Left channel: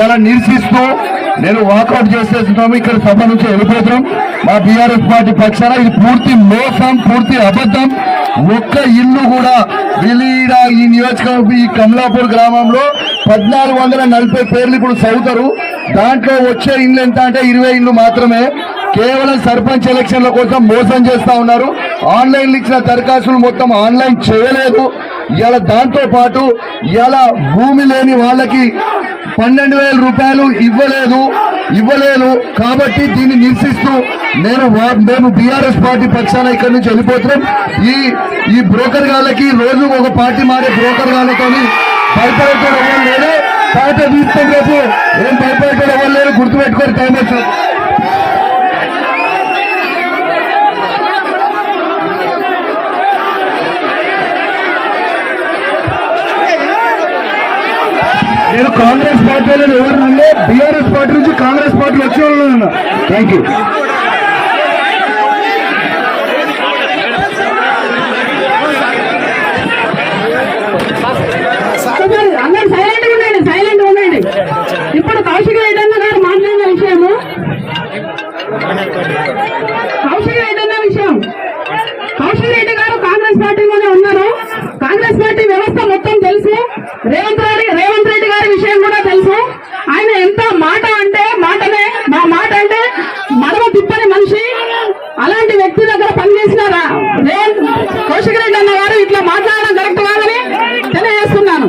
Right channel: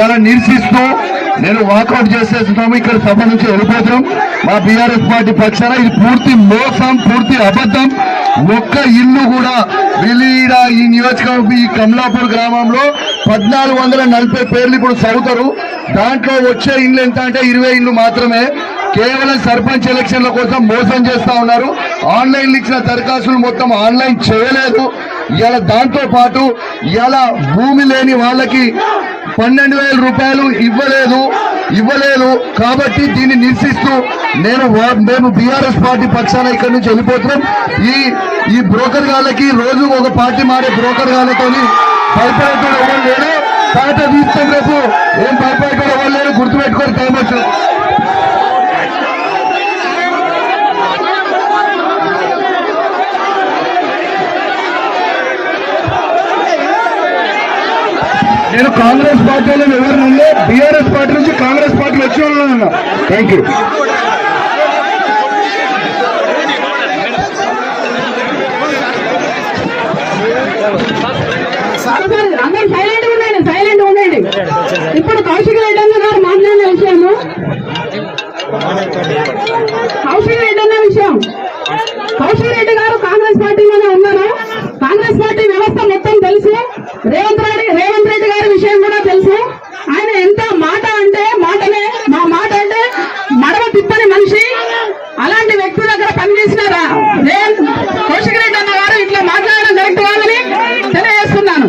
ఇలా నిరసిస్తూ నేను వాకౌట్ చేసేస్తున్నాము. ఇక్కడ సభ నుంచి వెళ్ళిపోతున్నాం. మా బీఆర్ఎస్ పార్టీ పక్షాన ఇది పూర్తి మోసం, పూర్తి అబద్ధం. ఒక్క ఇల్లు కూడా వీళ్ళ ఈ నియోజకవర్గం ఈ కమలాపూర్ గ్రామంలో 1440 పేర్లు ఇప్పుడు చదువుతారు. దాంట్లో వచ్చే ఇల్లు ఎంత అంటే 20 ఇల్లు మాత్రమే. కేవలం సర్పంచ్ ఎలక్షన్ల కోసం మోసం చేస్తా ఉన్నారు. ఆన్లైన్ ఇచ్చిన దరఖాస్తులు మొత్తం ఆన్లైన్ చేయలేదు. ఇలా దాంతో పాటు ఇలా భూమి లేని వాళ్ళకి 12,000 రూపాయలు ఇవ్వలేదు. కాబట్టి దీన్ని నిరసిస్తూ మేము బీఆర్ఎస్ పార్టీ పక్షాన ఇక్కడి నుంచి వెళ్ళిపోతున్నాం. ఈ బ్రోకర్ గాళ్ళకి రోజు ఒక పార్టీ మారే బ్రోకర్ గాళ్ళతో భయపడటం ఎవరు లేరు. తాట తీస్తాం రేపు ఏం భయపడటం ఎవరు లేరు. గుర్తుపెట్టుకొని టైం వచ్చింది. నేను కాంగ్రెస్ పార్టీలో ఎవరినంటే బీఆర్ఎస్ పార్టీ నుంచి కాంగ్రెస్ పార్టీలో వచ్చే ఉన్నా. Thank you. అందరూ సైలెంట్ ఉండండి. ఇప్పుడు కౌశిక్ రెడ్డి అన్న గారు మాట్లాడిన విషయము కౌశిక్ రెడ్డి గారు కాంగ్రెస్ పార్టీలోనే ఉన్నారు. కాంగ్రెస్ పార్టీ వ్యవస్థ మొత్తం తెలుసు. రేవంత్ రెడ్డి గారి విషయం కూడా తెలుసు. ఆయన ఎంత మాట అంటే మాటనే, మా మాట అంటే మడవ తిప్పని మనిషి. అలాంటి వ్యక్తి దగ్గర పనిచేసిన కౌశిక్ రెడ్డి అన్న గారు ఇట్లా మాట్లాడడం కరెక్ట్ కాదని తెలియజేస్తున్నాను.